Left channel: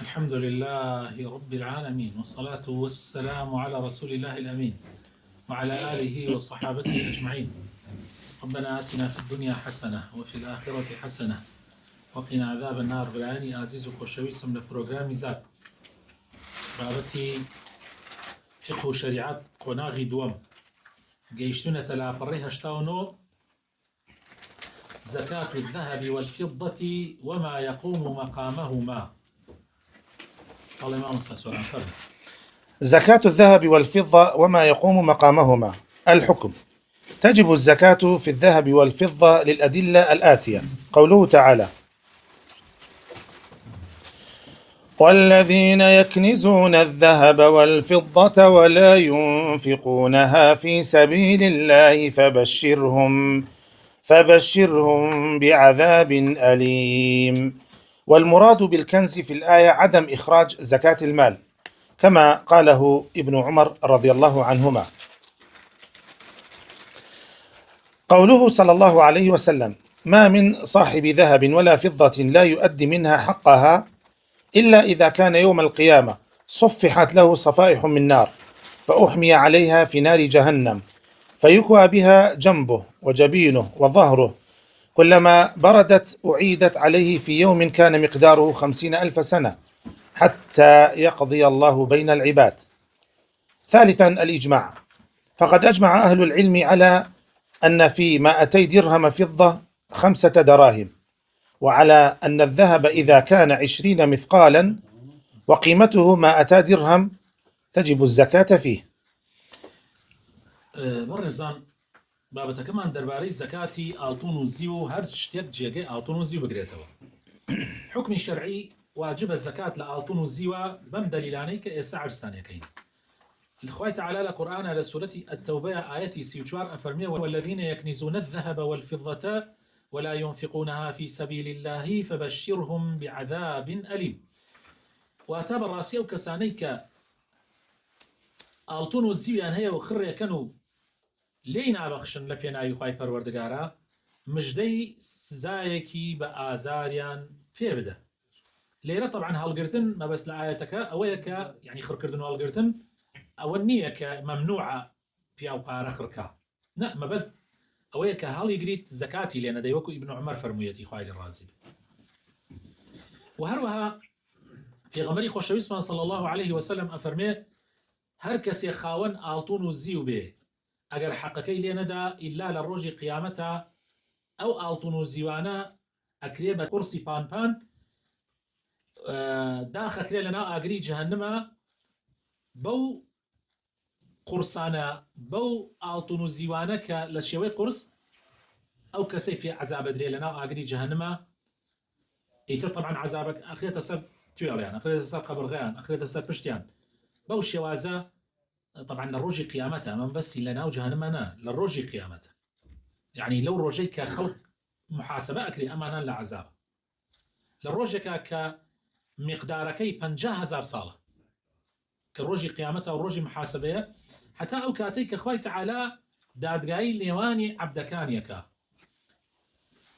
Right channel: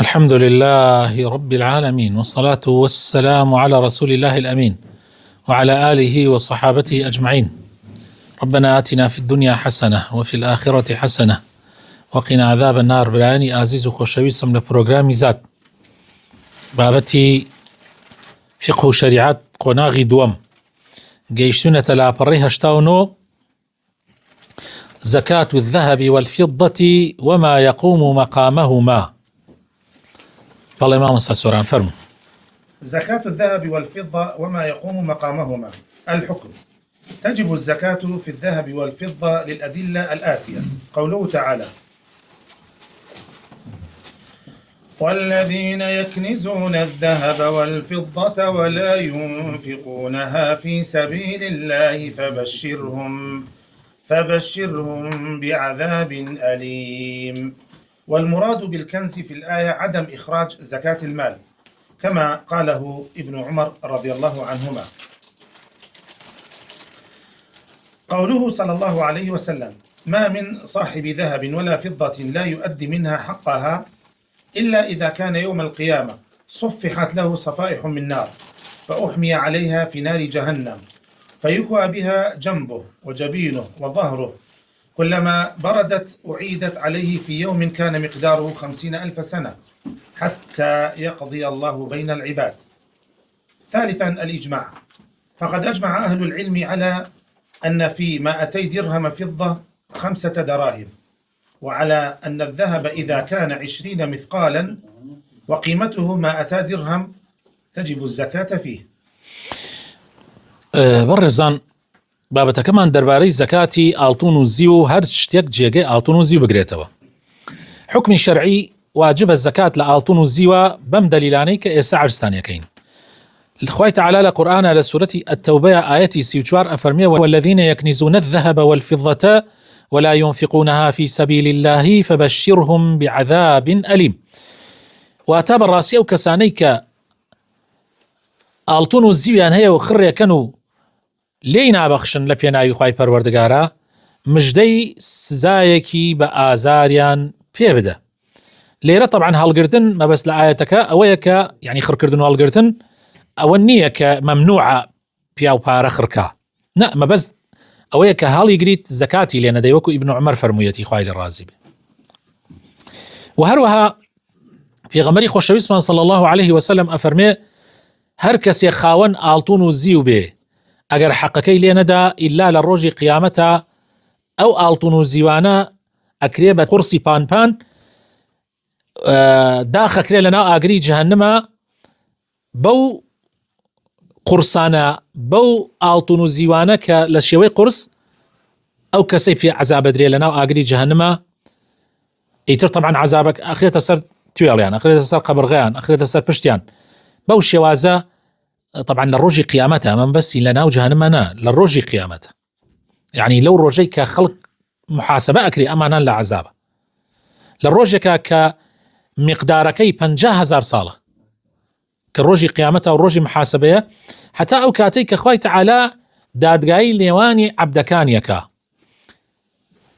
الحمد لله رب العالمين، والصلاة والسلام على رسول الله الأمين وعلى آله وصحابته أجمعين. ربنا آتنا في الدنيا حسنة وفي الآخرة حسنة وقنا عذاب النار. برایانی ئازیز و خۆشەویستم لە پرۆگرامی زاد بابەتی فقه و شریعت قۆناغی دووەم گەیشتونەتە لاپەڕەی 89 زكاة الذهب والفضة وما يقوم مقامهما. بەڵێ مامۆستا سۆران فەرموو. زكاة الذهب والفضة وما يقوم مقامهما. الحكم: تجب الزكاة في الذهب والفضة للأدلة الآتية. قوله تعالى: والذين يكنزون الذهب والفضة ولا ينفقونها في سبيل الله فبشرهم بعذاب أليم. والمراد بالكنز في الآية عدم إخراج زكاة المال، كما قاله ابن عمر رضي الله عنهما. قوله صلى الله عليه وسلم: ما من صاحب ذهب ولا فضة لا يؤدي منها حقها إلا إذا كان يوم القيامة صفحت له صفائح من نار فأحمي عليها في نار جهنم فيكوى بها جنبه وجبينه وظهره، كلما بردت أعيدت عليه في يوم كان مقداره 50,000 سنة حتى يقضي الله بين العباد. ثالثا الإجماع، فقد أجمع أهل العلم على أن في 200 درهم فضة 5 دراهم، وعلى أن الذهب إذا كان 20 مثقالا وقيمته 200 درهم تجب الزكاة فيه. بەڕێزان بابەتەکەمان دەربارەی زەکاتی ئاڵتون و زی و هەر شتێک جێگەی ئاڵتون و زی بگرێتەوە. حکمی شەرعی واجبە زەکات لە ئاڵتون و زیوە بەم دەلیلانەی کە ئێستا عرضتانیەکەین. خوای تعالی لە قورئانە لە سورەتی التەوبەیە ئایەتی 34 ئەفەرمێ: والذین یەکنیزون الذهب والفضة ولا ينفقونها في سبيل الله فبشرهم بعذاب أليم. واتە بەڕاستی ئەو کەسانەی کە ئاڵتون و زیویان هەیە و خڕێکەن و لێی نابەخشن لە پێناوی خوای پەروەردگارە، مژدەی سزایەکی بە ئازاریان پێ بدە. لێرە طبعا هەڵگرتن مەبەست لە ئاەتەکە ئەوەیە کە یعنی خڕکردن و هەڵگرتن ئەوە نییە کە مەمنوعە پیا و پارە خڕکا، نە، مەبەست ئەوەیە کە هەڵی گریت زەکاتی لێ نەدەی، وەکو ئیبن عومەر فەرموویەتی خوای لە ڕازی بێ. و هەروەها پێغەمبەری خۆشەویستمان صلی الله عليه وسلم ئەفەرمێ: هەر کەسێک خاوەن ئاڵتون و زیو بێ ئەگەر حەقەکەی لێ نەدا ئیلا لە ڕۆژی قیامەتە ئەو ئاڵتون و زیوانە ئەکرێ بە قورسی پانپان داخەکرێ لە ناو ئاگری جەهەنەمە، بەو قورسانە بەو ئاڵتون و زیوانە کە لە شێوەی قورس ئەو کەسەی پێ عەزاب ئەدرێ لە ناو ئاگری جەهەنەمە. ئیتر طبعا عەزابەک ئەخرێتە سەر توێڵیان، ئەخرێتە سەر قەبرغەیان، ئەخرێتە سەر پشتیان. بەو شێوازە طبعا لە ڕۆژی قیامەتە، ئەمە بەسی لە ناو جەهەنەمە نا، لە ڕۆژی قیامەتە، یعنی لەو ڕۆژەی کە خەڵک محاسبە ئەکرێ ئەمانان لە عەزابە، لە ڕۆژێکە کە میقدارەکەی 50,000 ساڵە کە ڕۆژی قیامەتە و ڕۆژی محاسبەیە، حتا ئەو کاتەی کە خوای تعالی دادگایی لێوانی عەبدەکانیەکە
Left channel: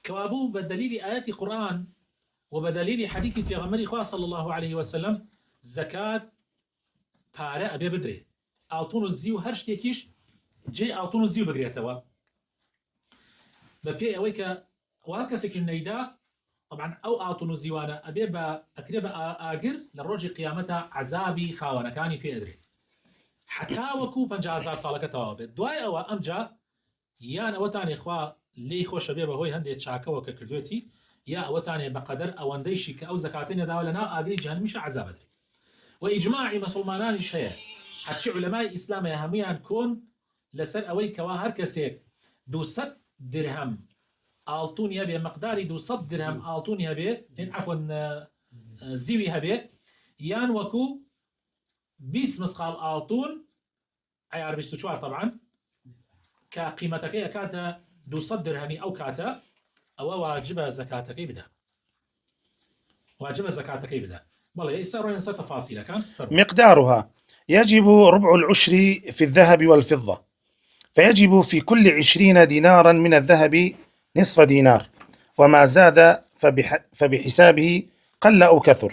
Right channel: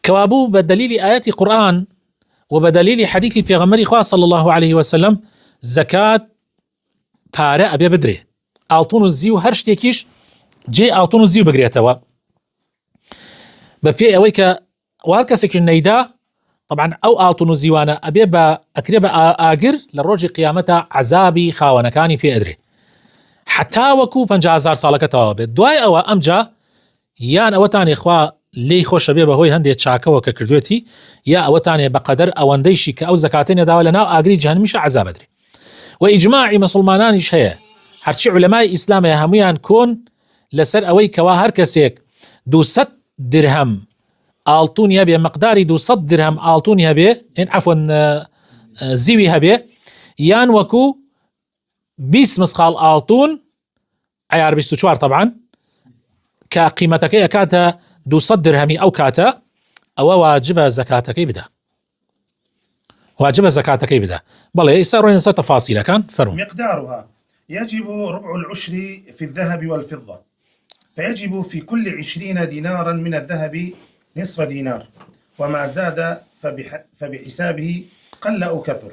کەوابوو بە دەلیلی ئاەتی قورئان و بە دەلیلی حەدیثی پێغەمبەری خوا صلی الله عليه وسلم زەکات پارە ئەبێ بدرێ، ئاڵتون و زی و هەر شتێکیش جێ ئاڵتون و زی و بگرێتەوە، بە پێی ئەوەی کە هەر کەسێکی نەیدا طبعا ئەو ئاڵتون و زیوانە ئەبێ بە ئەکرێ بە ئاگر لە ڕۆژی قیامەتە عەزابی خاوەنەکانی پێ ئەدرێ، حتا وەکو 50,000 ساڵەکە تەواو بێت. دوای ئەوە ئەمجا یان ئەوەتانێ خوا لێی خۆشە بێ بەهۆی هەندێک چاکەوە کە کردوێتی، یا ئەوەتانێ بەقەدەر ئەوەندەیشی کە ئەو زەکاتەی نەداوە لە ناو ئاگری جەهەنەمیشە عەزاب ئەدرێ. و ئیجماعی مسلمانانیش هەیە، هەرچی عولەمای ئیسلامە هەمویان کۆن لەسەر ئەوەی کەوا هەر کەسێک 200 درهم ئاڵتونی هەبێ، مقداری 200 درهم ئاڵتونی هەبێ، عەفوەن زیوی هەبێ، یان وەکو 20 مسقال ئاڵتون عیار 24 طبعا کە قیمەتەکەی ئەکاتە 200 درهمی ئەو کاتە، ئەوە واجبە زەکاتەکەی بدە، واجبە زەکاتەکەی بدە. بەڵێ ئێستا ڕۆین لەسەر تەفاسیلەکان. فەرموو. مقدارها: يجب ربع العشر في الذهب والفضة، فيجب في كل 20 دينارا من الذهب نصف دينار، وما زاد فبحسابه قل أو كثر.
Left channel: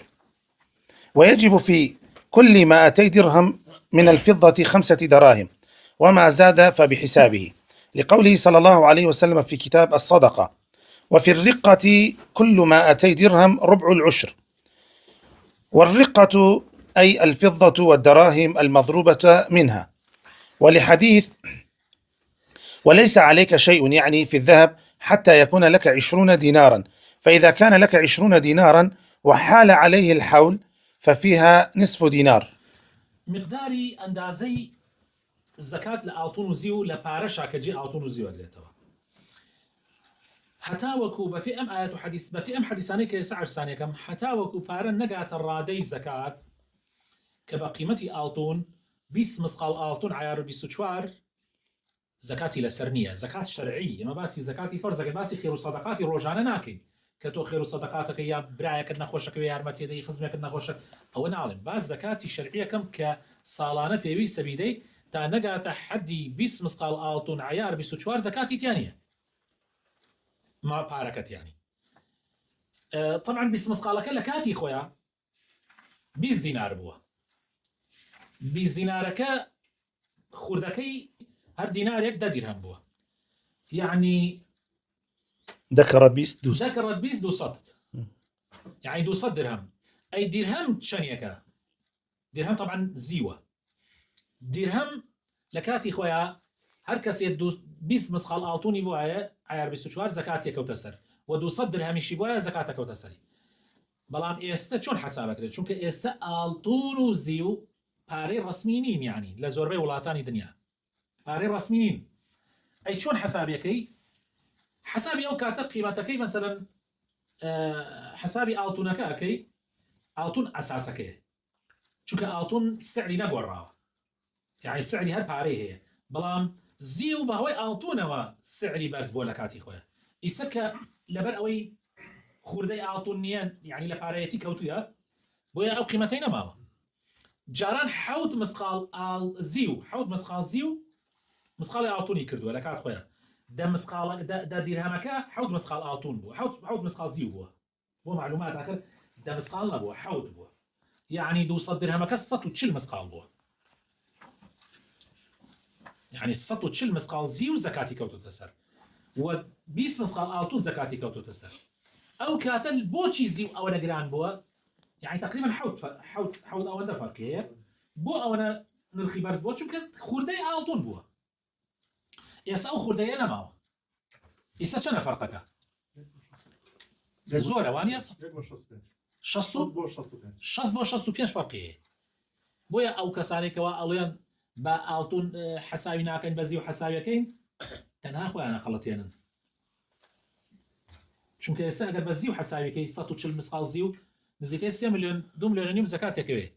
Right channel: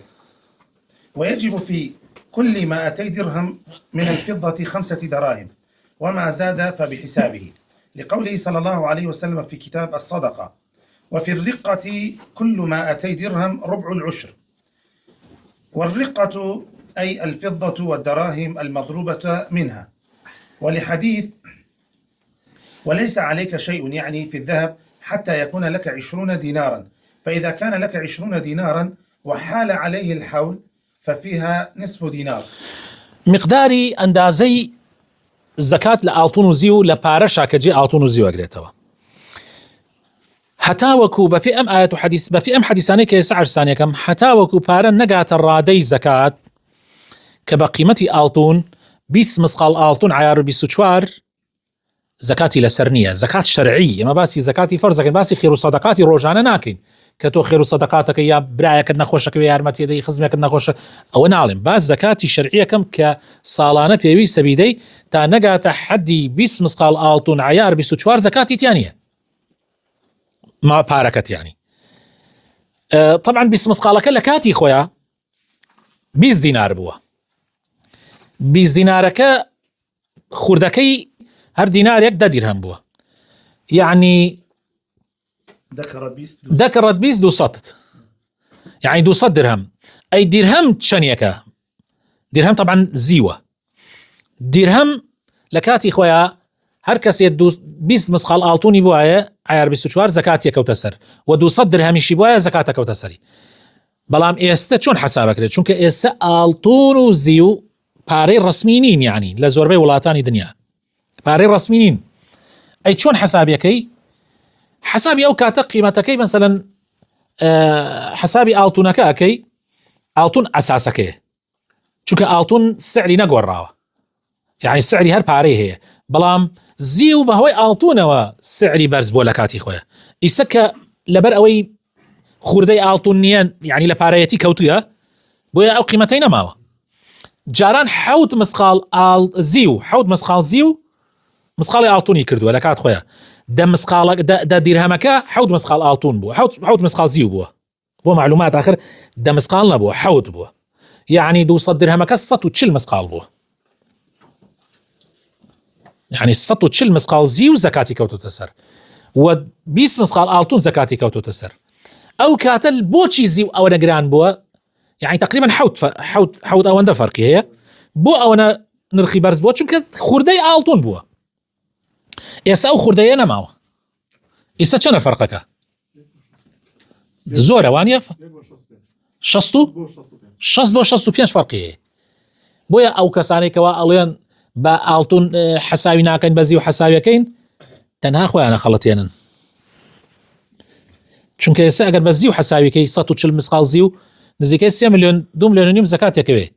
ويجب في كل 200 درهم من الفضة 5 دراهم، وما زاد فبحسابه، لقوله صلى الله عليه وسلم في كتاب الصدقة: وفي الرقة كل 200 درهم ربع العشر. والرقة أي الفضة والدراهم المضروبة منها. ولحديث: وليس عليك شيء، يعني في الذهب، حتى يكون لك 20 دينارا، فإذا كان لك 20 دينارا وحال عليه الحول ففيها نصف دينار. مقداری ئەندازەی زەکات لە ئاڵتون و زیو لە پارەشا کە جێ ئاڵتون و زیو ئەگرێتەوە، هەتاوەکو بەپێ ئەم ئاەت و حەدیث، بەپێ ئەم حەدیثانەی کە ئێستا عرسانیەکەم، هەتاوەکو پارە نەگاتە ڕادەی زەکات کە بە قیمەتی ئاڵتون 20 مسقال ئاڵتون عیار و 24 زەکاتی لەسەر نییە. زەکات شەرعی، ئێمە باسی زەکاتی فەرزەکەین، باسی خێر و سەدەقاتی ڕۆژانە ناکەین کە تۆ خێر و سەدەقاتەکە یا برایەکەت نەخۆشەکە یارمەتیدەی خزمێکت نەخۆشە، ئەوە ناڵێم. باس زەکاتی شەرعیەکەم کە ساڵانە پێویستە بیدەی تا نەگاتە حەدی 20 مسقال ئاڵتون عیار 24 زەکاتی تیان نییە، ما پارەکەت یانی. طبعا 20 مسقالەکە لە کاتی خۆیان 20 دینار بووە. 20 دینارەکە خوردەکەی هەر دینارێک 10 دیرهەم بووە، یعنی ذكرت 20 200 يعني 200 درهم. أي درهم تشانيكا درهم طبعا زيوة درهم لكاتي خويا هر كسي 20 مسخال آلتوني بوايا عيار 24 زكاتي كوتسر و 200 درهمي شي بوايا زكاتا كوتسري. بلام ئێستا چۆن حسابەکرێت؟ چونکە ئێستا ئاڵتون و زیو پارەی ڕسمی نین، یعنی لە زۆربەی وڵاتانی دنیا پارەی ڕسمی نین. ئەی چۆن حسابەکەی؟ حسابی ئەو کاتە قیمەتەکەی مثلا حسابی ئاڵتونەکە ئەکەی، ئاڵتون ئەساسەکەیە، چونکە ئاڵتون سعری نەگۆڕاوە، یعنی سعری هەر پارەی هەیە، بەڵام زیو بەهۆی ئاڵتونەوە سعری بەرز بۆ لە کاتی خۆیە. ئیسە کە لەبەر ئەوەی خوردەی ئاڵتون نییە، یعنی لە پارەیەتی کەوتویە، بۆیە ئەو قیمەتەی نەماوە. جاران 7 مسقال زیو، 7 مسقال زیو مسقاڵی ئاڵتونی کردووە لە کات خۆیە. دا دیرهەمەکە 7 مسقال ئاڵتون بووە، 7 مسقال زیو بووە. بۆ معلومات آخر دا مسقال نەبووە، 7 بووە، یعنی 200 درهەمەکە 140 مسقال بووە، يعني 140 مسقال زیو زەکاتی کەوتوتە سەر و 20 مسقال ئاڵتون زەکاتی کەوتوتە سەر. ئەو کاتە بۆچی زیو ئەوە نەگران بووە؟ يعني تقریبا حوت ئەوەندە فەرقی هەیە. بۆ ئەوەنە نرخی بەرز بووە؟ چونکە خوردەی ئاڵتون بووە. ئێستا ئەو خوردەیە نەماوە. ئێستا چەنە فەرقەکە؟ زۆرە وانە 60 بۆ 65 فەرقی هەیە. بۆیە ئەو کەسانێکەوە ئەڵێن بە ئاڵتون حساوی ناکەین، بە زیو حساویەکەین، تەنها خۆیانە خەڵەتێنن. چونکە ئێستا ئەگەر بە زیو حساویەکەی 140 مسقال زیو نزیکەی 3 ملیۆن 2 ملیۆن و نیم زەکاتێکەوێ.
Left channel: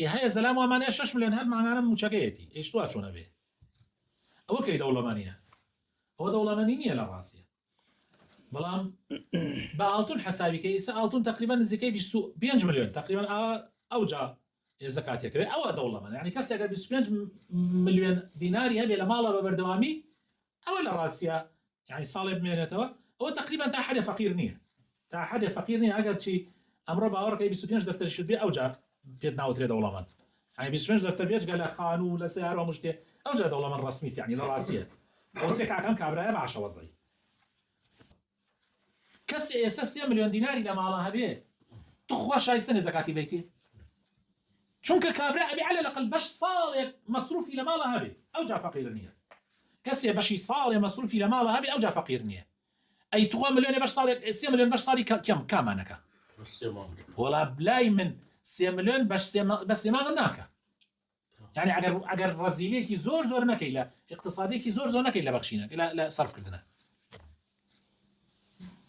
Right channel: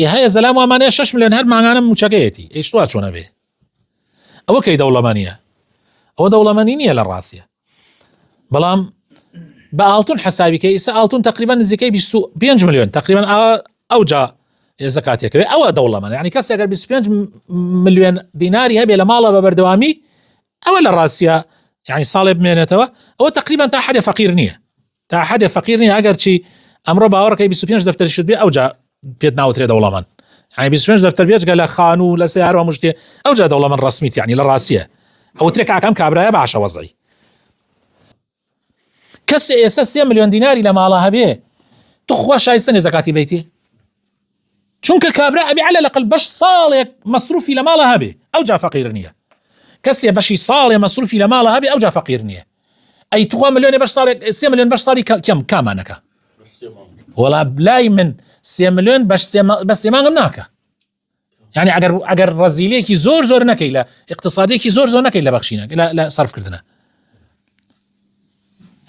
هەیە زەلام وامانەیە 6 ملیۆن هەر ماگانە موچەکەیەتی. ئیشتوا چۆنە بێ؟ ئەوە کەی دەوڵەمەنیە؟ ئەوە دەوڵەمەنی نییە لە ڕاستیە. بەڵام بە ئاڵتون حسابیکەی ئێستا ئاڵتون تقریبا نزیکەی 25 ملیۆن تقریبا ئەوجا زەکاتێکەوێ، ئەوە دەوڵەمەنە. یعنی کەس ئەگەر 25 ملیۆن دیناری هەبێ لە ماڵە بە بەردەوامی، ئەوە لە ڕاستیە یعنی ساڵێ بمێنێتەوە، ئەوە تقریبا تا حەدێ فەقیر نییە، تا حەدێ فەقیر نییە. ئەگەر چی ئەمڕۆ باوەڕەکەی 25 دەفتەری شت بێ، ئەوجا پێت ناوترێ دەوڵەمەن. يعني 25 دەفتەر بێجگە لە خان و لە سیارە و مشتێ، ئەوجا دەوڵەمەن ڕسمیت، یعنی لە ڕاستیە ئەو ترێک ئاکەم کابرایە باشە وەزعی. کەس ئێستا 3 ملیۆن دیناری لە ماڵە هەبێ، تو خوا شایستە نێ زەکاتی بیتێ؟ چونکە کابرا ئەبێ عەلە لەقل بەش ساڵێک مەسروفی لە ماڵە هەبێ، ئەوجا فەقیر نییە. کەسێ بەشی ساڵێ مەسروفی لە ماڵە هەبێ، ئەوجا فەقیر نییە. ئەی تو ملیۆنێ بەش ساڵێک 3 ملیۆن بەش ساڵی کەم کامانەکە؟ وەڵا بلای من 3 ملیۆن بە سێ مانگم ناکە. يعني ئەگەر ڕەزیلەیەکی زۆر نەکەی، لە اقتصادێکی زۆر نەکەی لە بەخشینە لە سەرفکردنە،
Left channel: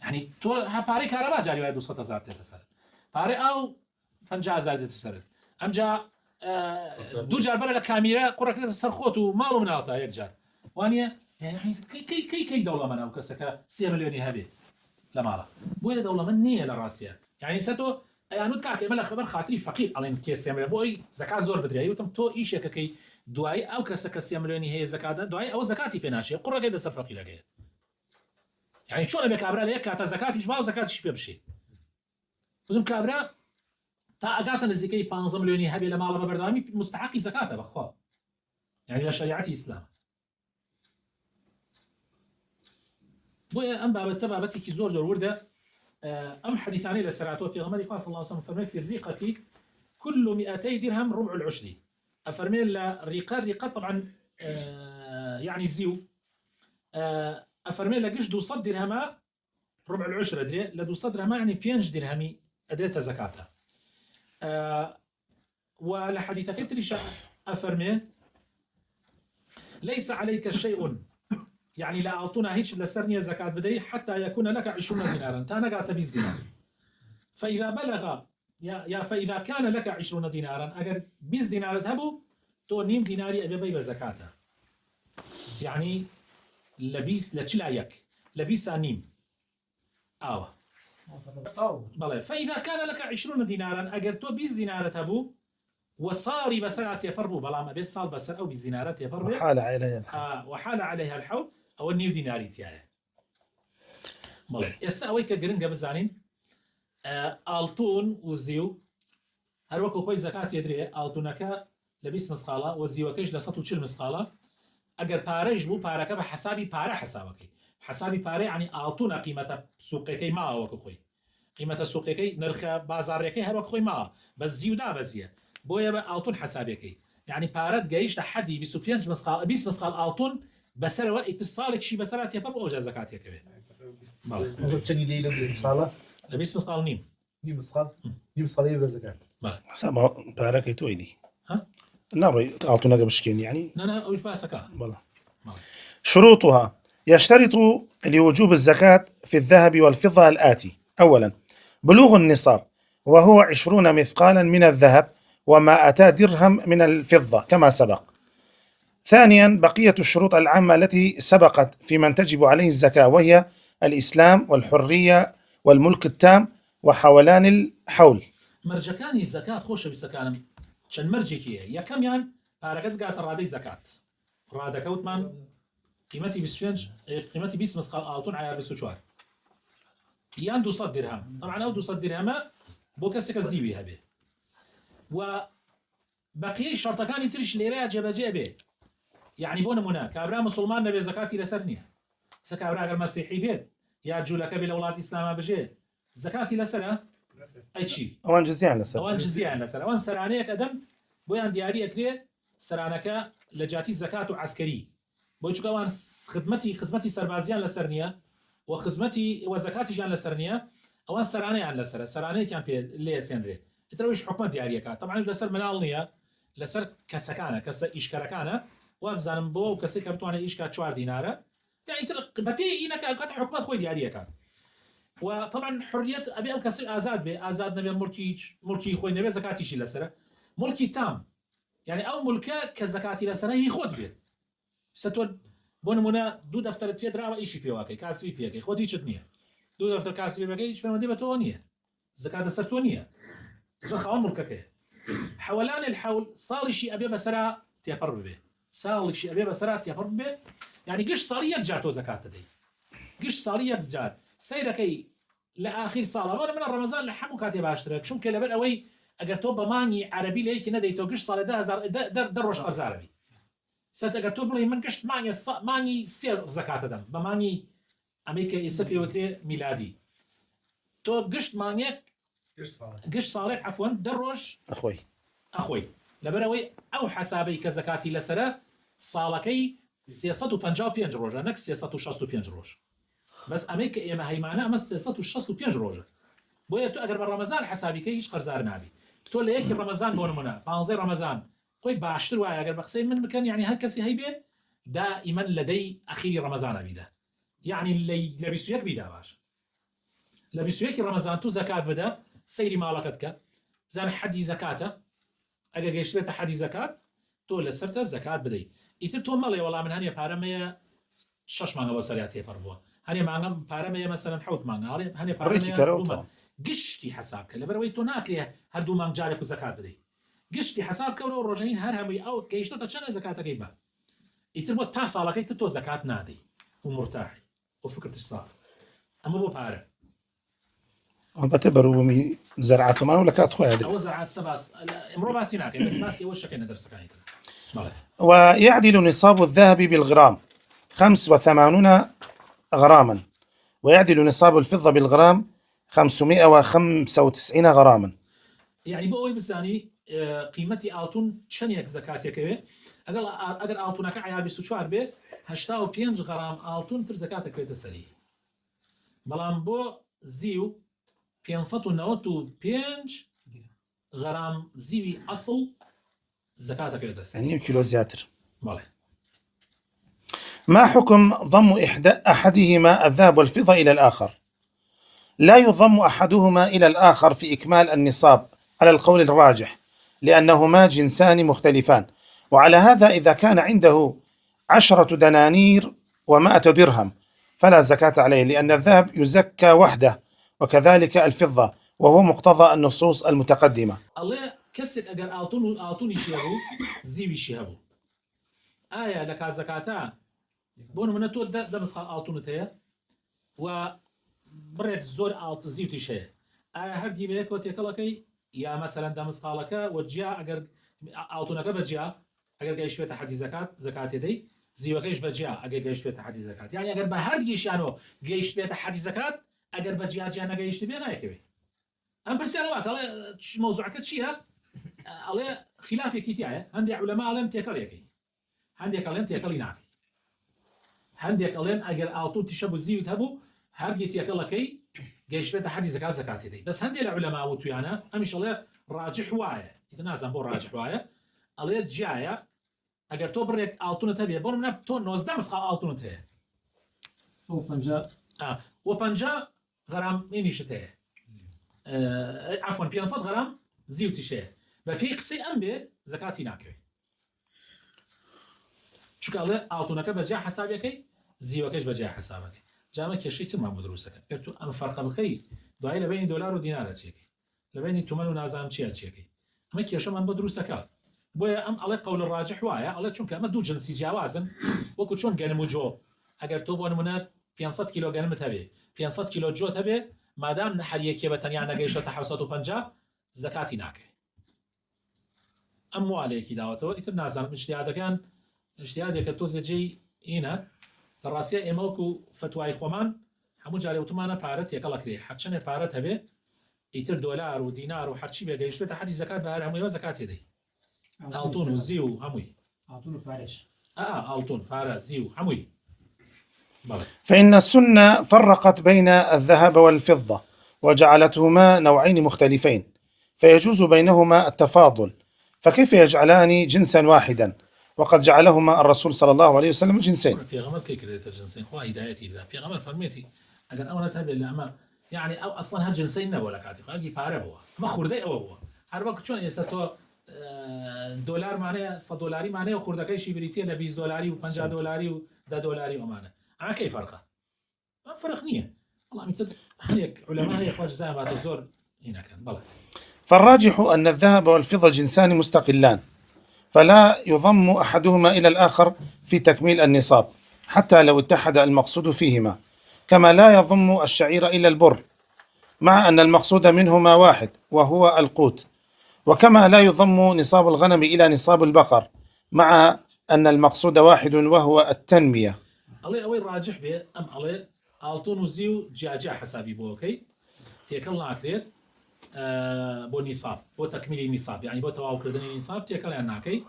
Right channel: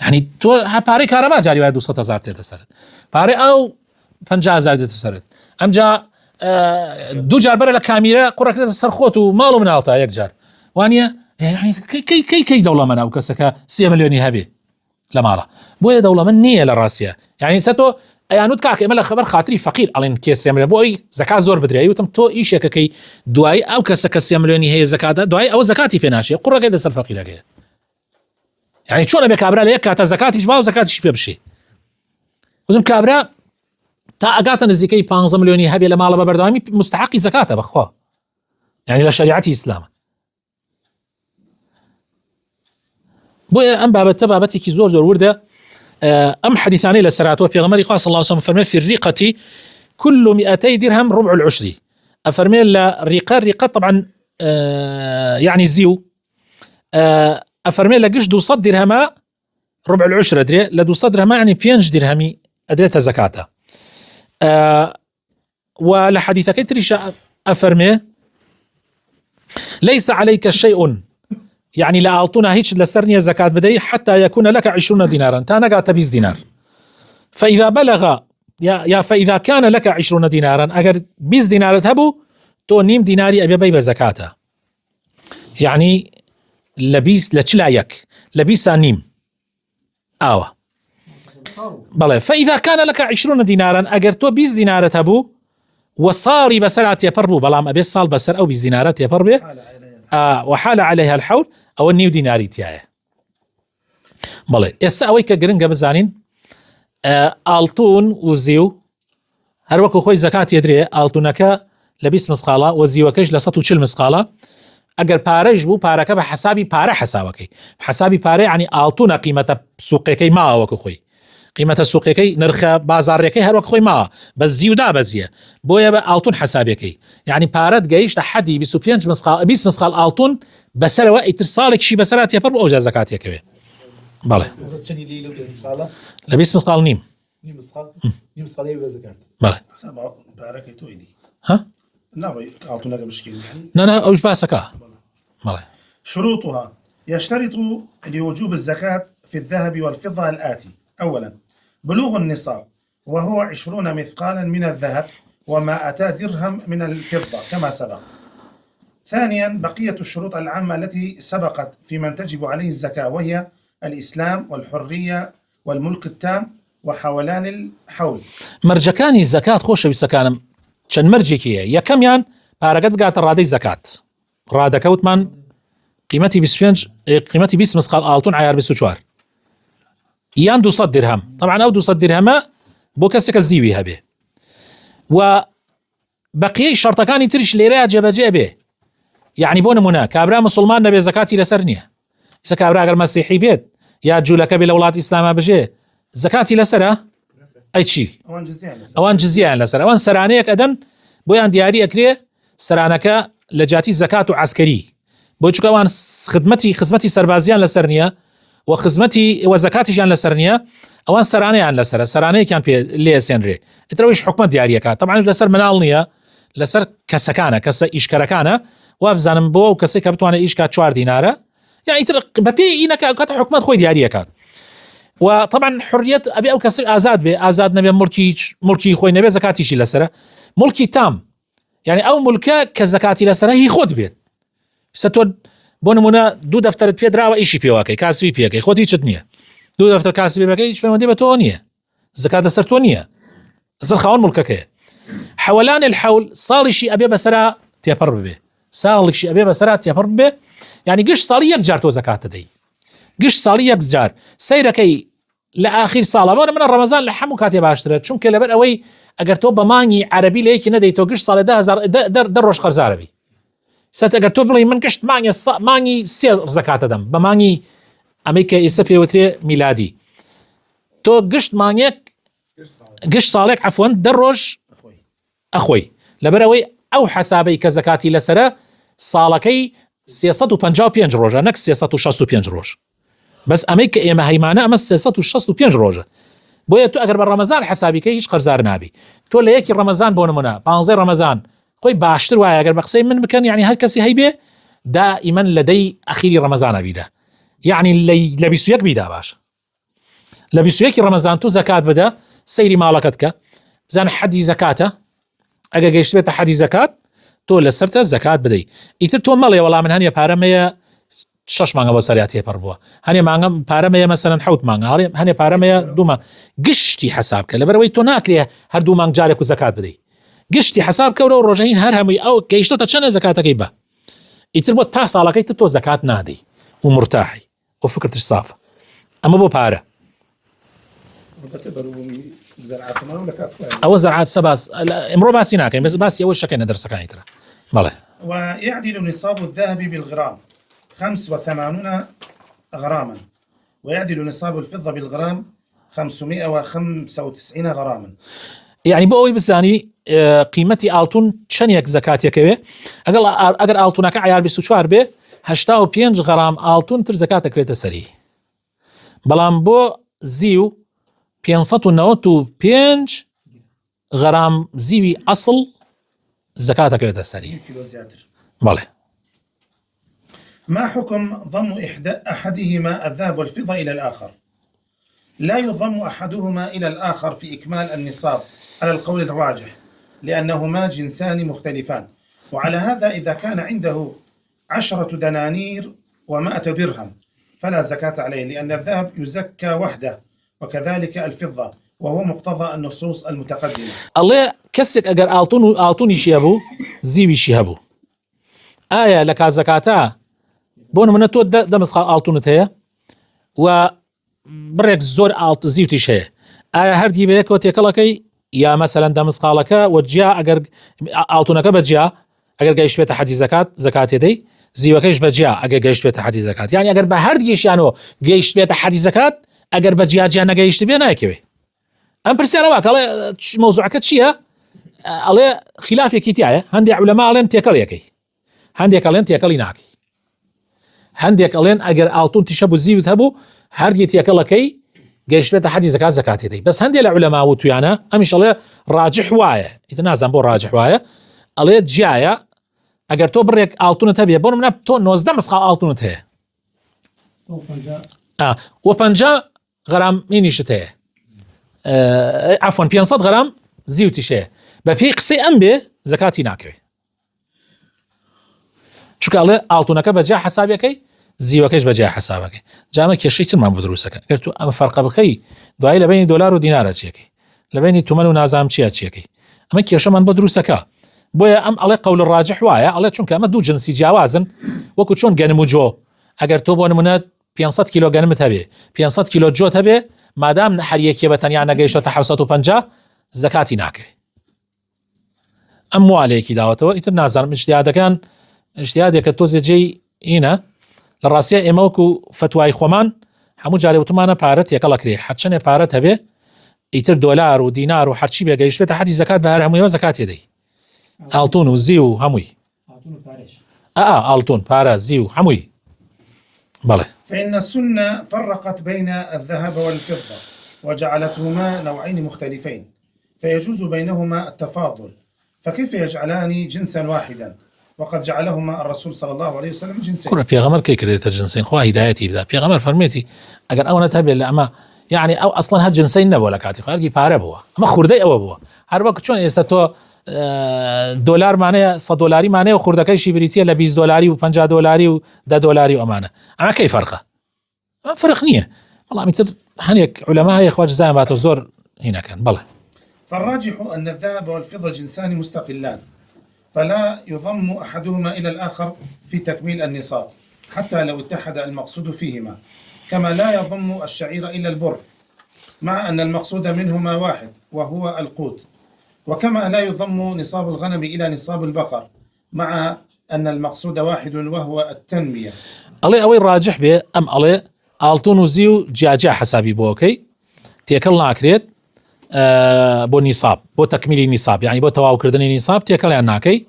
يعني تۆ پارەی کارەبا جاری وایە 200,000 دێتە سەرت، پارەی ئەو 50,000 دێتە سەرت. ئەمجا دوو جار بەرە لە کامیرە قوڕەکرێتە سەر خۆت و ماڵ و مناڵتە یەک جار، وانە کەی دەوڵەمەنە ئەو کەسەکە 3 ملیۆنی هەبێ لە ماڵە؟ بۆیە دەوڵەمەند نییە لە ڕاستیە. يعني سە تۆ ئەیانوت کاکە ئێمە لە خەبەر خاتری فەقیر ئەڵێن کێ 3 ملیۆن بۆ ئەوی زەکات زۆر بدرێ، وتم تۆ ئیشێکەکەی دوای ئەو کەسە کە 3 ملیۆنی هەیە زەکاتە، دوای ئەوە زەکاتی پێ ناشێ، قوڕەکەی دەسەر فەقیرەکەیە. يعني چۆنە بێ کابرا لە یەک کاتە زەکاتیش با و زەکاتیش پێ بشێ؟ وتم کابرا تا ئەگاتە نزیکەی 15 ملیۆنی هەبێ لە ماڵە بە بەردەوامی مستحقی زەکاتە بەخوا، یعنی لە شریعەتی ئیسلامە. بۆیە ئەم بابەتە بابەتێکی زۆر وردە. ئەم حەدیثانەی لە سەراتەوە پێغەمبەری خوا صلی الله عليه وسلم فەرمێ في الرقة كل 200 درهم ربع العشر. أفرمي لا رقة طبعا يعني زيو أفرمي لا قش 200 درهم ربع العشر أدري لا 200 درهم يعني 5 درهمي أدريتها زكاته. ولا حديث كتريش أفرمي ليس عليك شيء يعني لا أعطونا هيك لسرني زكاة بدي حتى يكون لك 20 دينارا تانا قاعد 20 دينار. فإذا بلغ يا فإذا كان لك 20 دينارا أجر 20 دينار تهبو تو نيم ديناري أبي بيبه زكاته، يعني لبيس لتشلايك لبيس نيم بله. فإذا كان لك 20 دينارا أجر تو 20 دينار تهبو وصاري بسرعة يبربو بلام أبي صال بسر أو 20 دينارات يبربه وحال عليها الحول أو النيو ديناري تيايه بله. استأوي كجرنجة بزانين ئاڵتون و زیو هەروەکو خۆی زەکات یەدرێ ئاڵتونەکە لە 20 مسقالە و زیوەکەش لە 140 مسقالە. ئەگەر پارەش بوو پارەکە بە حسابی پارە حساوەکەی، حسابی پارە ینی ئاڵتونە قیمەتە سوقەکەی ماوەکو خۆی، قیمەتە سوقەکەی نرخە بازاڕەکەی هەروەک خۆی ماوە بە زیودا بەزیە، بۆیە بە ئاڵتون حسابەکەی، ینی پارەت گەیشتە حەدی 25 مسقال 20 مسقال ئاڵتون بەسەرەوە ئیتر ساڵێکشی بەسەرات تێپەڕ بۆ ئەوجا زەکاتێکەوێ. بەڵێ لە 20 مسقال نیم بەڵێ پارەکەی تۆی دی ها ناڕۆی ئاڵتونەکە بشکێن يعني نانا ئەوش باسەکە. بەڵێ شروطها يشترط لوجوب الزكاة في الذهب والفضة الآتي: أولا بلوغ النصاب وهو 20 مثقالا من الذهب وما أتى درهم من الفضة كما سبق. ثانيا بقية الشروط العامة التي سبقت في من تجب عليه الزكاة، وهي الإسلام والحرية والملك التام وحولان الحول. مەرجەکانی زەکات خۆشەویستەکانم چەند مەرجێکیە. یەکەمیان پارەکەت بگاتە ڕادەی زەکات، ڕادەکەوتمان قیمەتی 25 قیمەتی 20 مسقال ئاڵتون عیار 24 یان 200 درهم. طبعا ئەو 200 درهمە بۆ کەسێکە زیوی هەبێ و بەقیەی شەرتەکانی تریش لێرەیە جێبەجێ بێ. یعنی بۆ نمونە کابرا مسلمان نەبێ زەکاتی لەسەر نییە، ئیسا کابرا ئەگەر مەسیحی بێت یا جوولەکە بێ لە وڵاتی ئیسلاما بژێ زەکاتی لەسەرە ئەی چی؟ ئەوان جزیان لەسەر، ئەوان سەرانەیەک ئەدەن بۆیان دیاری ئەکرێ سەرانەکە لە جاتی زەکات و عەسکەری، بۆ چونکە ئەوان خزمەتی سەربازیان لەسەر نییە و خزمەتی وە زەکاتیشیان لەسەر نییە، ئەوان سەرانەیان لەسەرە، سەرانەیەکیان پێ لێسێنرێ، ئیترەوەیش حکومەت دیاریەکە. طبعا لەسەر مناڵ نییە، لەسەر کەسەکانە، کەسە ئیشکەرەکانە، وا بزانم بۆ ئەو کەسێک کە بتوانێت ئیشکات 4 دینارە یا ئیتر بەپێی ئینەکە کاتە حکومەت خۆی دیاریەکات. و طبعا حریەت ئەبێ ئەو کەسێک ئازاد بێ، ئازاد نەبێ مڵکی خۆی نەبێ زەکاتیشی لەسەرە، مڵکی تام، یعنی ئەو مڵکە کە زەکاتی لەسەرە هی خۆت بێت. ئێستا تۆ بۆ نمونە 2 دەفتەرت پێدراوە ئیشی پێواکەی کاسبی پێکەی خۆت هیچت نییە، 2 دەفتەر کاسبی بەکەی هیچ پەیوەندی بە تۆ نییە، زەکات لەسەر تۆ نییە، لەسەر خاوەن مڵکەکەیە. حەوەلان الحەول ساڵیشی ئەبێ بەسەرا تێپەڕ ببێ، ساڵێکشی ئەبێ بەسەرا تێپەڕ ببێ، یعنی گشت ساڵی یەک جار تۆ زەکات دەدەی، گشت ساڵی یەک جار سەیرەکەی لە ئاخیر ساڵە. بۆ منە ڕەمەزان لە هەموو کاتێ باشترە، چونکە لەبەر ئەوەی ئەگەر تۆ بە مانگی عەرەبی لە یەکی نەدەی تۆ گشت ساڵی 10 ڕۆژ قەرزارەبی. سەت ئەگەر تۆ بڵێ من گشت مانگی 3 زەکاتە دەم بە مانگی ئەمەی کە ئێستا پێوترێ میلادی، تۆ گشت مانگێک گشت ساڵێک عەفوەن 10 ڕۆژ ئەخۆی، لەبەر ئەوەی ئەو حەسابەی کە زەکاتی لەسەرە ساڵەکەی 355 ڕۆژە نەک 365 ڕۆژ، بەس ئەمەی کە ئێمە هەیمانە ئەمە 365 ڕۆژە. بۆیە تو ئەگەر بە ڕەمەزان حەسابیکەی هیچ قەرزار نابی. تۆ لە یەکی ڕەمەزان بۆ نمونە 15 ڕەمەزان خۆی باشتر وایە ئەگەر بە قسەی من بکەن، یعنی هەر کەسی هەیبێ دائما لەدەی ئەخیری ڕەمەزانە بیدا، یعنی لە 21 بیدا باش، لە 21 ڕەمەزان تو زەکات بدە، سەیری ماڵەکەت کە بزانە حەدی زەکاتە، ئەگەر گەیشت بێتە حەدی زەکات تۆ لەسەرتە زەکات بدەی. ئیتر تۆ مەڵێ وەڵام من هەنیە پارەمەیە 6 مانگە بۆ سەریا تێپەڕ بووە، هەنێ مانگەم پارەمەیە مەسەلەن 7 مانگە، هەنێ پارەمەیە 2 مانگ، گشتی حساب کە لەبەرەوەی تۆ ناکرێ هەر 2 مانگ جارێک و زەکات بدەی، گشتی حساب کەورە و ڕۆژەهین هەر هەمووی ئەو گەیشتۆتە چەندە زەکاتەکەی بە، ئیتر بۆ تا ساڵەکەی تۆ زەکات نادەی و مرتاحی و فکرتش سافە. ئەمە بۆ پارە. بتبروا زرعتهم ولا كانت خويا أو زرعات سباس امرو باسي ناكي بس أول شكل ندرس كان ترى بله. ويعدل نصاب الذهب بالغرام 85 غراما، ويعدل نصاب الفضة بالغرام 595 غراما. يعني بۆەوەی بزانی قیمەتی ئاڵتون چەندێک زەکاتێکەوێ ئەگەر ئاڵتونەکە عیار 24 بێ 85 غەرام ئاڵتون تر زەکات دەکرێتە سەری، بەڵام بۆ زیو 595 غەرام زیوی ئەسڵ زەکات دەکرێتە سەری. كيلو زياتر. بەڵێ. ما حكم ضم أحدهما الذهب والفضة إلى الآخر؟ لا يضم أحدهما إلى الآخر في إكمال النصاب على القول الراجح، لأنهما جنسان مختلفان، وعلى هذا إذا كان عنده 10 دنانير و100 درهم فلا زكاة عليه، لأن الذهب يزكى وحده وكذلك الفضة، وهو مقتضى النصوص المتقدمة. الله كسك أجر ئاڵتونی شیابوو زیویشی هەبوو ئایا لە کات زەکاتە بۆ نمونە تۆ دەمەسخال ئاڵتونت هەیە و بڕێک زۆر زیوتیش هەیە، ئایا هەردی بەیەکەوە تێکەڵەکەی یا مەسەلەن دەمسقالەکە وەجیا ئەگەر ئاڵتونەکە بەجیا ئەگەر گەیشت بێتە حەدی زەکات دەی زیوەکەیش بەجیا ئەگەر گەیشت بێتە حەدی زەکات، یعنی ئەگەر بە هەردیگەیشیانەوە گەیشت بێتە حەدی زەکات ئەگەر بەجیا جیا نەگەیشت بێ نایکەوێ. ئەم پرسیارەوە کەڵێ مۆزوعەکە چییە؟ ئەڵێ خلافێکی تایە، هەندێک عولەما ئەڵێن تێکەڵیەکەی، هەندێک ئەڵێن تێکەڵی ناکەی، هەندێک ئەڵێن ئەگەر ئاڵتون تیشە بوو زیوت هەبوو هەردی تێکەڵەکەی گەیشت بێتە حەدی زەکات دەی، بەس هەندێک لە عولەما وتویانە ئەمیش ئەڵێ ڕاجح وایە، ئیتر نازانم بۆ ڕاجح وایە، ئەڵێ جیایە ئەگەر تۆ بڕێک ئاڵتونت هەبێ بۆ نمونە تۆ 19 مسخال ئاڵتونت هەیە و 50 غەرام مینیشت هەیە، عەفوەن 500 غەرام زیوتیش هەیە، بە پێی قسەی ئەم بێ زەکاتی ناکەوێ، چونکە ئەڵێ ئاڵتونەکە بەجیا حەسابەکەی زیوەکەش بەجیا حەسابەکەی. جامە کێشەی ترمان بۆ دروستەکە، ئەگەر تو ئەمە فەرقە بخەی دوایی لە بینی دۆلار و دینارە چیەکەی، لە بینی تومەن و نازام چیەکەی، ئەمە کێشەمان بۆ دروستەکە. بۆیە ئەم ئەڵێ قەول ڕاجح وایە، ئەڵێ چونکە ئەمە دوو جنسی جیاوازن، وەکو چۆن گەنم و جۆ، ئەگەر تۆ بۆ نمونە 500 کیلۆ گەنمت هەبێ 500 کیلۆ جۆت هەبێ مادام هەر یەکێ بە تەنیا نەگەیشتە 750 زەکاتی ناکەوێ. ئەم موالەیەکی داوەتەوە، ئیتر نازانم ئیجتیهادێکە تۆزێ جێی ئینە لە ڕاستیە ئێمە وەکو فتوای خۆمان هەموو جارێ وتمانە پارەت یەکەڵەکرێ هەرچەندێ پارەت هەبێ ئیتر دۆلار و دینار و هەرچی بێگەیشت بێتە حەدی زەکات بە هەر هەموویەوە زەکاتی دەی، ئاڵتون و زی و هەمووی ئاڵتون پارە زی و هەمووی. بەڵێ. فإن السنة فرقت بين الذهب والفضة وجعلتهما نوعين مختلفين، فيجوز بينهما التفاضل، فكيف يجعلان جنسا واحدا وقد جعلهما الرسول صلى الله عليه وسلم جنسين؟ كنا پیغمبر كي كريت جنسين خو هدايتي بدا پیغمبر فرميتي اگر او نتابع لما يعني او اصلا هاد جنسين نبو لكاتي خارجي باره بوا اما خوردي او بوا هر وقت چون استو دلار معناه 100 دلاری معناه و خوردكاي شي بريتيه ل 20 دلاری و 50 دلاری و 10 دلاری و امانه اما كيف فرقه؟ فرق نيه والله مثل هنيك علماء هي اخواج زعمات الزور هنا كان بله. فالراجح أن الذهب والفضة جنسان مستقلان، فلا يضم أحدهما إلى الآخر في تكميل النصاب حتى لو اتحد المقصود فيهما، كما لا يضم الشعير إلى البر مع أن المقصود منهما واحد وهو القوت، وكما لا يضم نصاب الغنم إلى نصاب البقر مع أن المقصود واحد وهو التنمية. الله أوي راجح به أم الله ئاڵتون و زیو جاجا حسابی بۆ ئەوکەی تێکەڵ ناکرێت بۆ نیساب بۆ تەکمیلی نیساب، یعنی بۆ تەواوکردنی نیساب تێکەڵیان ناکەی،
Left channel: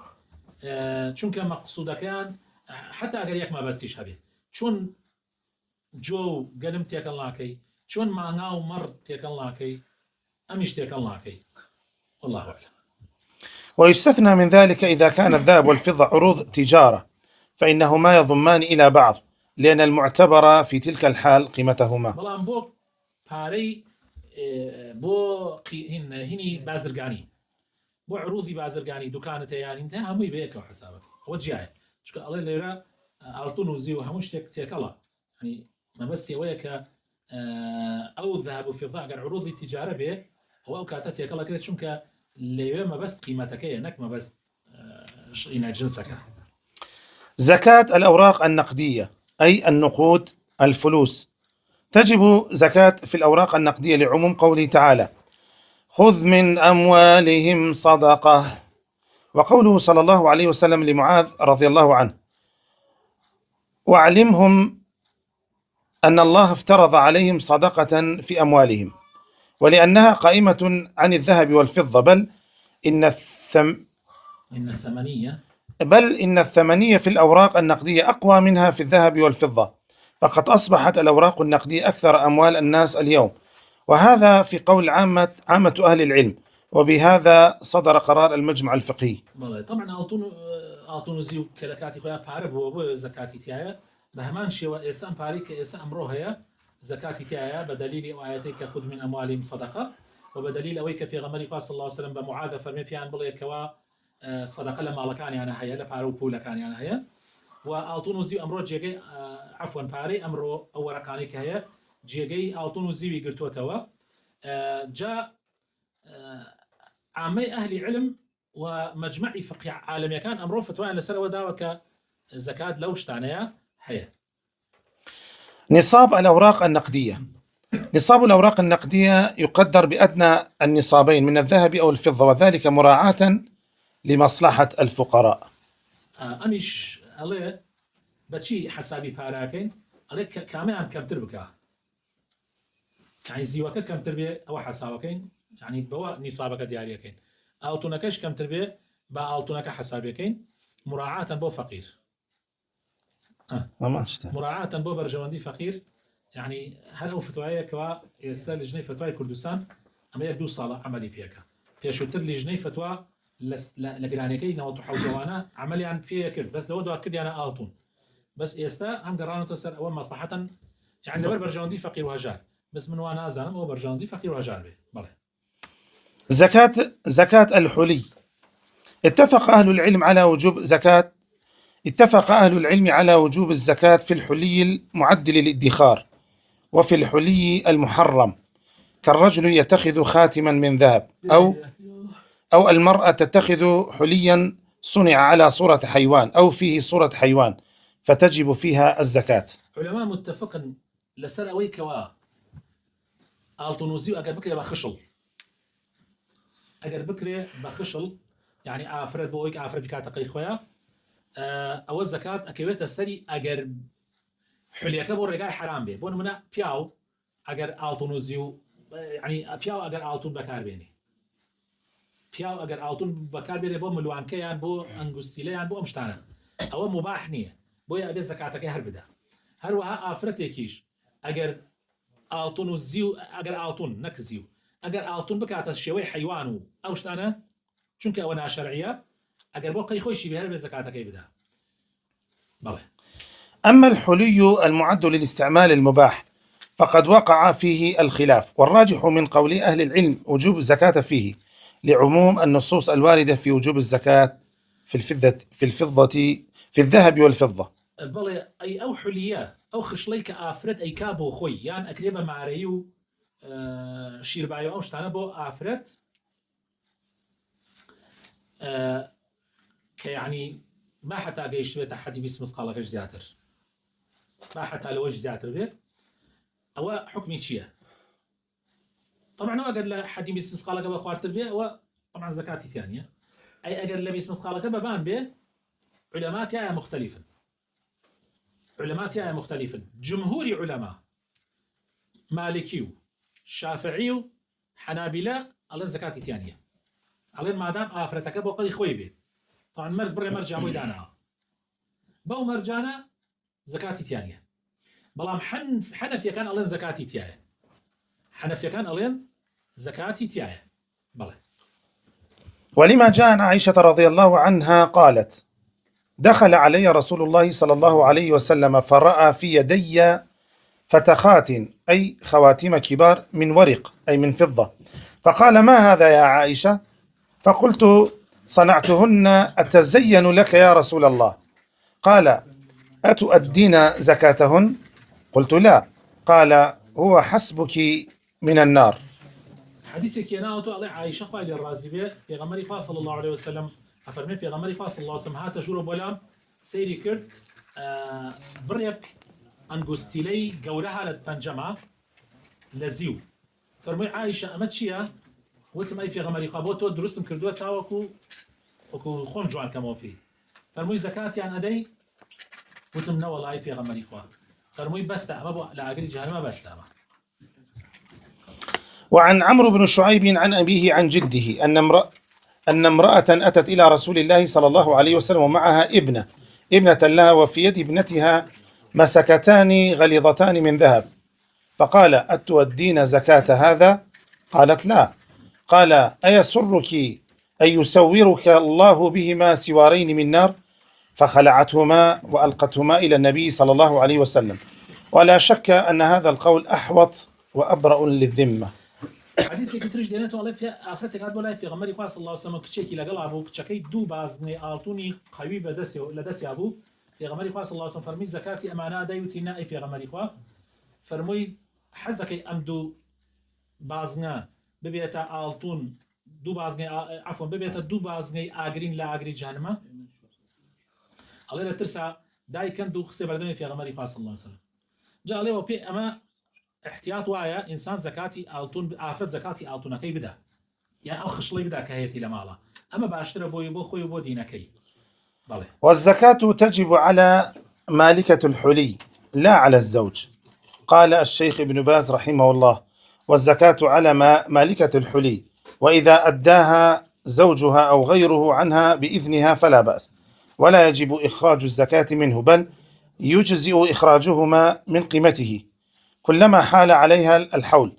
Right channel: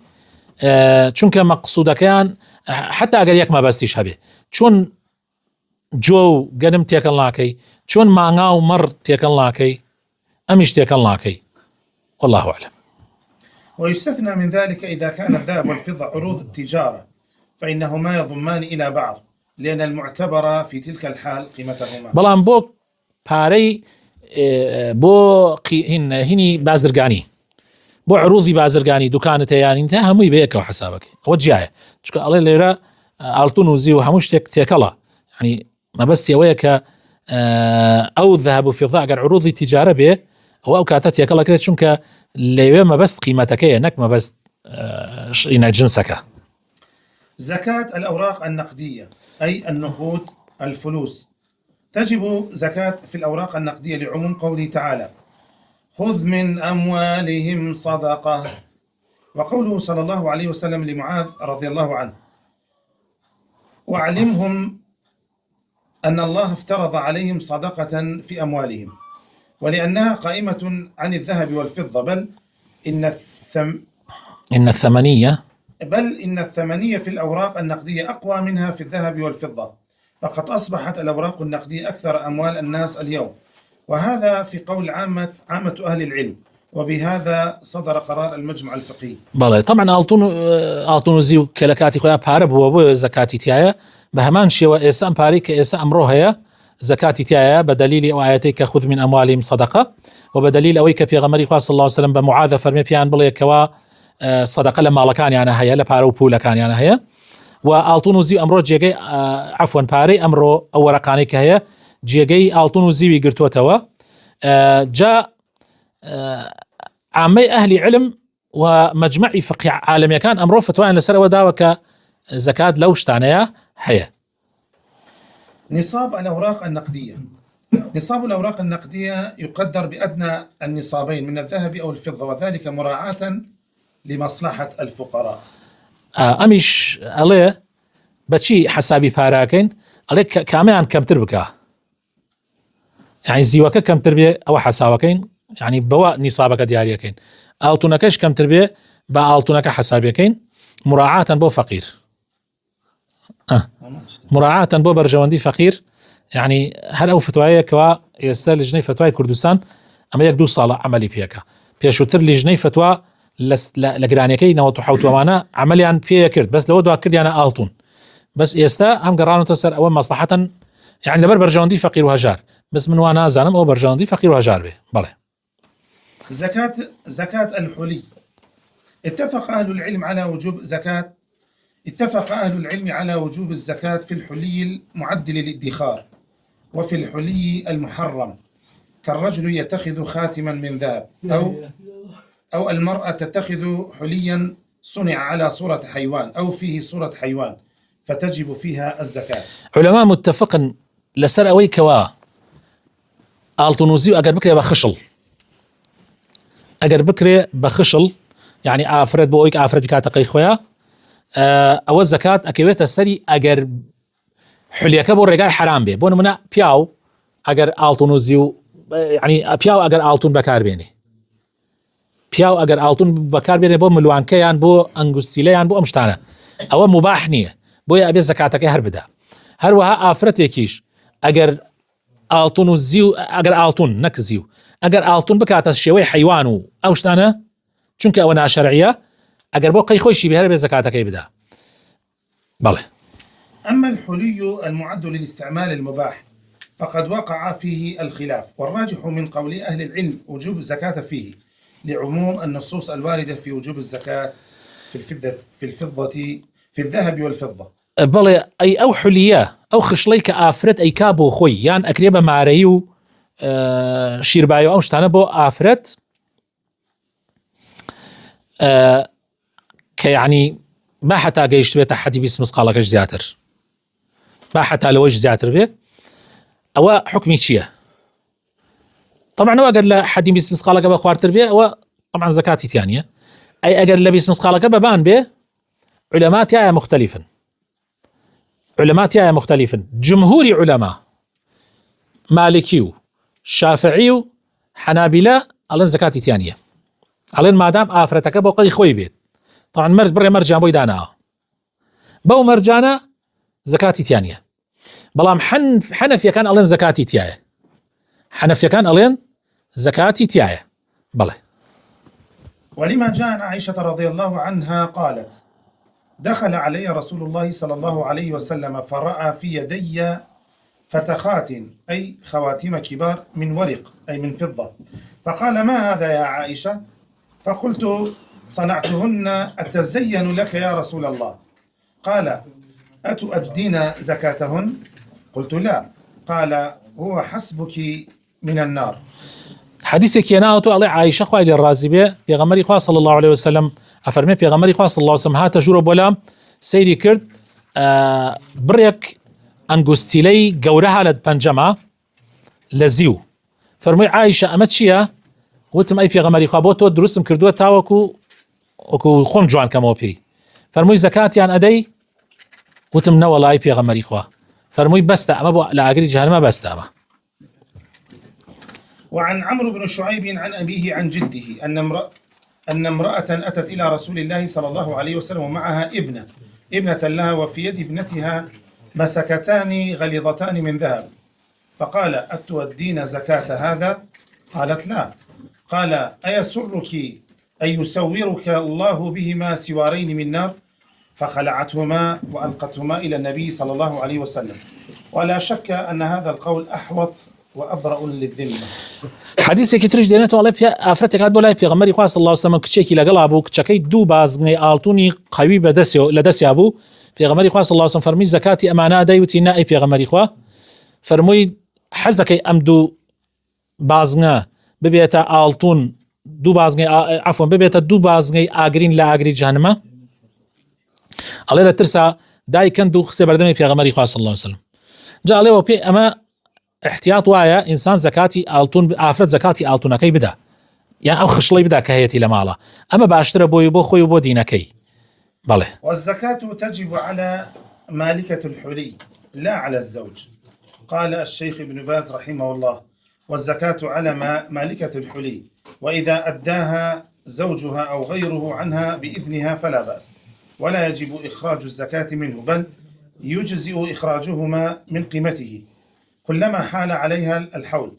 چونکە مەقسوودەکەیان حتا ئەگەر یەک مەبەستیش هەبێ، چۆن جۆ و گەنم تێکەڵ ناکەی، چۆن ماڭا و مەڕ تێکەڵ ناکەی، ئەمیش تێکەڵ ناکەی. والله أعلم. ويستثنى من ذلك إذا كان الذهب والفضة عروض تجارة فإنهما يضمان إلى بعض لأن المعتبر في تلك الحال قيمتهما. بەڵام بۆ پارەی بۆ هینی بازرگانی بۆ عروضی بازرگانی دوکانت هەیە تا هەمووی بەیەکەوە حسابەکەی ئەوە جیایە، چونکە ئەڵێ لێرە ئاڵتون و زی و هەموو شتێک تێکەڵە، یعنی مەبەستی ئەوەیە کە ئەو ذهب و فضة ئەگەر عروضی تیجارە بێ ئەو کاتە تێکەڵەکرێت، چونکە لەوێ مەبەست قیمەتەکەیە نەک مەبەست جنسەکە. زكاة الأوراق النقدية أي النقود الفلوس تجب زكاة في الأوراق النقدية لعموم قوله تعالى: خذ من أموالهم صدقة. وقوله صلى الله عليه وسلم لمعاذ رضي الله عنه: واعلمهم أن الله افترض عليهم صدقة في أموالهم، ولأنها قائمة عن الذهب والفضة، بل إن الثمنية في الأوراق النقدية أقوى منها في الذهب والفضة، فقد أصبحت الأوراق النقدية أكثر أموال الناس اليوم، وهذا في قول عامة أهل العلم، وبهذا صدر قرار المجمع الفقهي. بله طبعا ألتون زيو كلكاتي خويا بارب هو زكاتي تيايا بهمان شيء وإسام باري كإسام أمروها زكاتي تيايا بدليل آياتك خذ من أموالهم صدقة، وبدليل أويك في غمري صلى الله عليه وسلم بمعاذ فرمي بيان بله كوا صدقة لما لكان يعني هيا لبارو بولا كان يعني هيا وألتون زيو أمرو جيجي عفوا باري أمرو أو رقاني كهيا جيجي ألتون زيو يقرتوا توا جاء عامي أهل علم ومجمعي فقه عالمي كان أمره فتوى أن لسر وداوك زكاة لوش تعنيها هي. نصاب الأوراق النقدية. نصاب الأوراق النقدية يقدر بأدنى النصابين من الذهب أو الفضة، وذلك مراعاة لمصلحة الفقراء. أمش عليه بتشي حسابي باراكين عليه كامان كم تربكه يعني زيوك كم تربية أو حسابكين يعني بواء نصابك دياريكين ألتونكش كم تربية بألتونك حسابيكين مراعاة بو فقير مراعاة بو برجواندي فقير يعني هل أو فتوايا كوا يستاهل لجنة فتواي كردستان أما يكدو صالة عملي بيكا بيشوتر لجنة فتوى لقرانيكي نو تحوت ومانا عمليا بيا كرد بس لو دوا كرد يعني ألتون بس يستا هم قرانو تسر أول مصلحة يعني لبر برجواندي فقير وهجار بس من وانا زانم أو برجواندي فقير وهجار به بله. زكاة الحلي. اتفق أهل العلم على وجوب الزكاة في الحلي المعد للادخار وفي الحلي المحرم، كالرجل يتخذ خاتما من ذهب أو المرأة تتخذ حليا صنع على صورة حيوان أو فيه صورة حيوان، فتجب فيها الزكاة. علماء متفق لسر أوي كوا ألتونوزي أجر بكري بخشل أجر بكري بخشل يعني آفرد بويك آفرد كاتقي خويا أو الزكاة أكيويت السري أجر حليا كبر رجاء حرام به بون منا بياو أجر ألتونوزيو يعني بياو أجر ألتون بكار بيني بياو أجر ألتون بكار بيني بو ملوان كيان بو أنجوستيليان بو أمشتانا أو مباح نية بويا أبي زكاتك هربدا هروها آفرت يكيش أجر ألتونوزيو أجر ألتون نكزيو أجر ألتون بكات الشيوي حيوانو أوشتانا چونك أونا شرعية أجر بو قي خوشي بهرب زكاتك يبدا بله. أما الحلي المعد للاستعمال المباح فقد وقع فيه الخلاف، والراجح من قول أهل العلم وجوب الزكاة فيه لعموم النصوص الواردة في وجوب الزكاة في الذهب والفضة. بله أي أو حلية أو خشليك آفرت أي كابو خوي يعني أكريبا معريو شيربايو أو شتانا بو آفرت كيعني ما حتى قيشت بيت أحد بيس مسقالك زياتر ما حتى لوجه زياتر بيه أو حكمي شيء طبعا هو أقل حد بيس مسقالك بخوارتر بيه أو طبعا زكاتي تانية أي أقل لبيس مسقالك ببان بيه علماء تيايا مختلفا جمهوري علماء مالكيو شافعيو حنابلة ألين زكاتي تانية ألين ما دام آفرتك بوقي خوي بيت طبعا مرجع بوي دانا بو مرجانا زكاتي تانية بلام حنفيا كان ألين زكاتي تيايا حنفيا كان ألين زكاتي تيايا بله. ولما جاء عن عائشة رضي الله عنها قالت: دخل علي رسول الله صلى الله عليه وسلم فرأى في يدي فتخات أي خواتم كبار من ورق أي من فضة، فقال: ما هذا يا عائشة؟ فقلت: صنعتهن أتزين لك يا رسول الله. قال: أتؤدين زكاتهن؟ قلت: لا. قال: هو حسبك من النار. حديثك يناوتو علي عائشة خوالي الرازبية بيغمري خواه صلى الله عليه وسلم أفرمي بيغمري خواه صلى الله عليه وسلم هاتا جورو بولام سيري كرد بريك ئەنگوستیلەی گەورەها لە پەنجەمە لە زیو فەرمووی عایشە ئەمە چییە؟ وتم ئەی پێغەمبەری خوا بۆ تۆ دروستم کردووە تاوەکو خۆم جوان کەمەوە پێی فەرمووی زەکاتیان ئەدەی؟ وتم نەوەڵای پێغەمبەری خوا فەرمووی بەستە ئەمە بۆ لە ئاگری جەهەنەمە بەستە ئەمە. وعن عمرو بن شعيب عن أبيه عن جده أن امرأة أتت إلى رسول الله صلى الله عليه وسلم ومعها ابنة لها وفي يد ابنتها مسكتان غليظتان من ذهب فقال أتودين زكاة هذا؟ قالت لا. قال أيسرك أن يسورك الله بهما سوارين من نار؟ فخلعتهما وألقتهما إلى النبي صلى الله عليه وسلم. ولا شك أن هذا القول أحوط وأبرأ للذمة. حدیثێکی ترش دێنێتەوە ئەڵێ ئافرەتێکات بۆ لای پێغەمبەری خوا صلی الله علیه و سلم کچێکی لەگەڵا بوو کچەکەی دوو بازنگەی ئاڵتوونی قەوی لە دەستیا بوو پێغەمبەری خوا صلی الله علیه و سلم فەرمووی زەکاتی ئەمانە ئەدەی؟ وتی نا ئەی پێغەمبەری خوا فەرمووی حەزەکەی ئەم دوو بازنگە ببێتە ئاڵتوون دوو بازنگەی عەفوەن ببێتە دوو بازنگەی ئاگرین لە ئاگری جەهەنەمە؟ ئەڵێ لە ترسا دایکەند و خستێ بەردەمی پێغەمبەری خوا صلی الله علیه و سلم. جا ئەڵێەوە پێ ئەمە احتیاط وایە ئینسان زەکاتی ئاڵتوون ئافرەت زەکاتی ئاڵتوونەکەی بدا یان ئەو خشڵەی بدا کە هەیەی لە ماڵە ئەمە باشترە بۆی بۆ خۆی و بۆ دینەکەی. بەڵێ والزكاة تجب على مالكة الحلي لا على الزوج. قال الشيخ ابن باز رحمه الله والزكاة على مالكة الحلي وإذا أداها زوجها أو غيره عنها بإذنها فلا بأس ولا يجب إخراج الزكاة منه بل يجزئ إخراجهما من قيمته كلما حال عليها الحول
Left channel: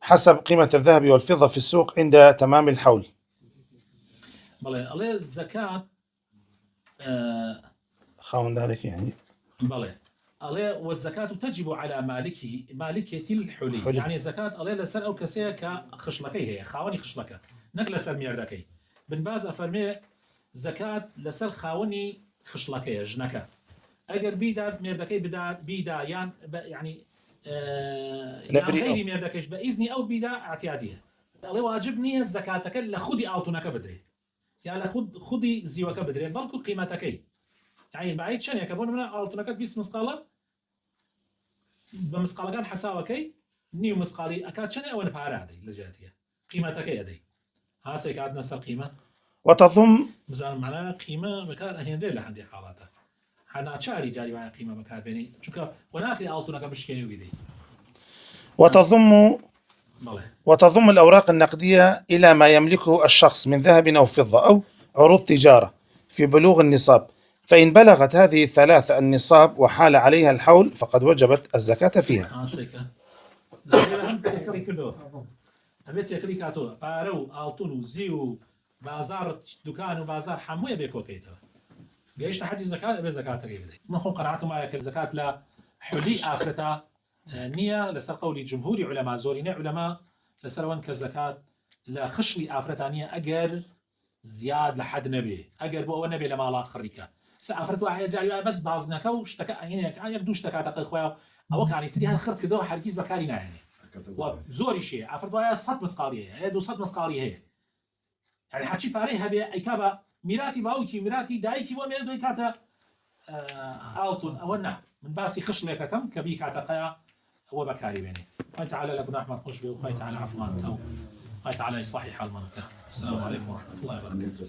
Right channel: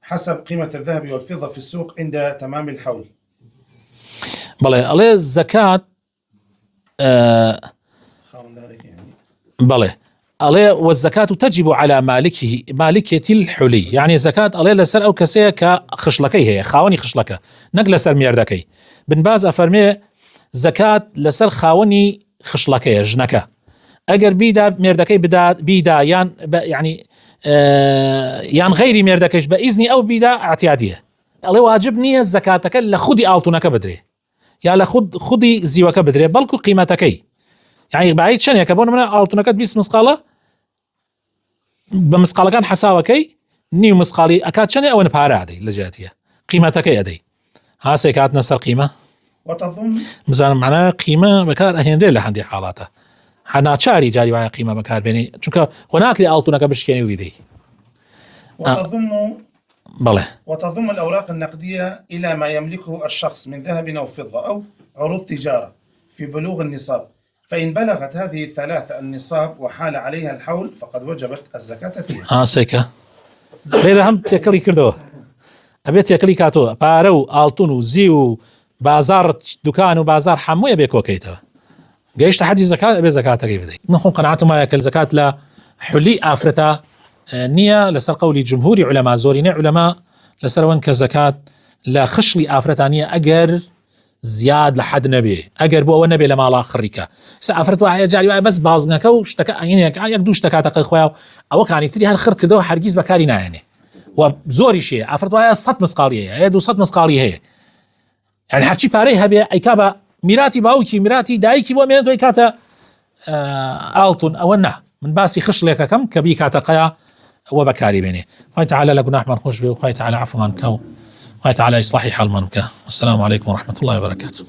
حسب قيمة الذهب والفضة في السوق عند تمام الحول. بەڵێ ئەڵێ زەکات خاوەن دارێک يعني بەڵێ ئەڵێ والزەکات تجب على مالكة الحلي يعني زەکات ئەڵێ لەسەر ئەو کەسەیە کە خشلەکەی هەیە خاوەنی خشلەکە نەک لەسەر مێردەکەی. بن باز ئەفەرمێ زەکات لەسەر خاوەنی خشلەکەیە ژنەکە ئەگەر بیدا مێردەکەی بیدا یان يعني یان غیری مێردەکەش بە ئیزنی ئەو بیدا ئاعتیادیە. ئەڵێ واجب نییە زەکاتەکە لە خودی ئاڵتوونەکە بدرێ یا لە خودی زیوەکە بدرێ بەڵکو قیمەتەکەی یعنی بەعید چەندێکە بۆ نمونە ئاڵتوونەکەت 20 مسقالە بە مسقالەکان حساوەکەی نیو مسقالی ئەکات چەندێ ئەوە پارە ئەدەی لە جاتیە قیمەتەکەی ئەدەی هاسێک هاتنە سەر قیمە وتضم بزانم معنە قیمە بەکار ئەهێنرێ لە هەندێک حاڵاتە هەناچاری جاری وایە قیمە بەکاربێنی چونکە خۆ ناکری ئاڵتوونەکە بشکێنی و بیدەی. وتضم الأوراق النقدية إلى ما يملكه الشخص من ذهب أو فضة أو عروض تجارة في بلوغ النصاب فإن بلغت هذه الثلاثة النصاب وحال عليها الحول فقد وجبت الزكاة فيها. سيكا غير هم تيكلي كردو أبي تيكلي كاتو بارو آلتون زيو بازار دكان وبازار حموية بيكوكيتو جيش تحدي زكاة أبي زكاة كيف دي نحن قناعته ما يأكل زكاة لا حلي آفرتا نية لسر قولي جمهوري علماء زوريني علماء لسر وانك زكاة لا خشلي آفرتانية أجر زياد لحد نبي أجر بو نبي لما لا خريكا سافرت واحد جاري بس بازنك واشتكى يعني يقدو اشتكى تقي خويا او كان يتري هالخر كده حرجيز بكارينا يعني وزوري شيء افرت واحد صت مسقاليه هي دو صت مسقاليه هي يعني حرشي باري هبي ايكابا ميراتي باوكي ميراتي دايكي بو مينتو كاتا التون او نه من باسي خش لك كم كبي كاتا قيا وبكاري بيني خوي تعالى لكنا احمد خوش بي وخوي تعالى عفوا عنك وخوي تعالى اصلاحي حال منك. والسلام عليكم ورحمه الله وبركاته.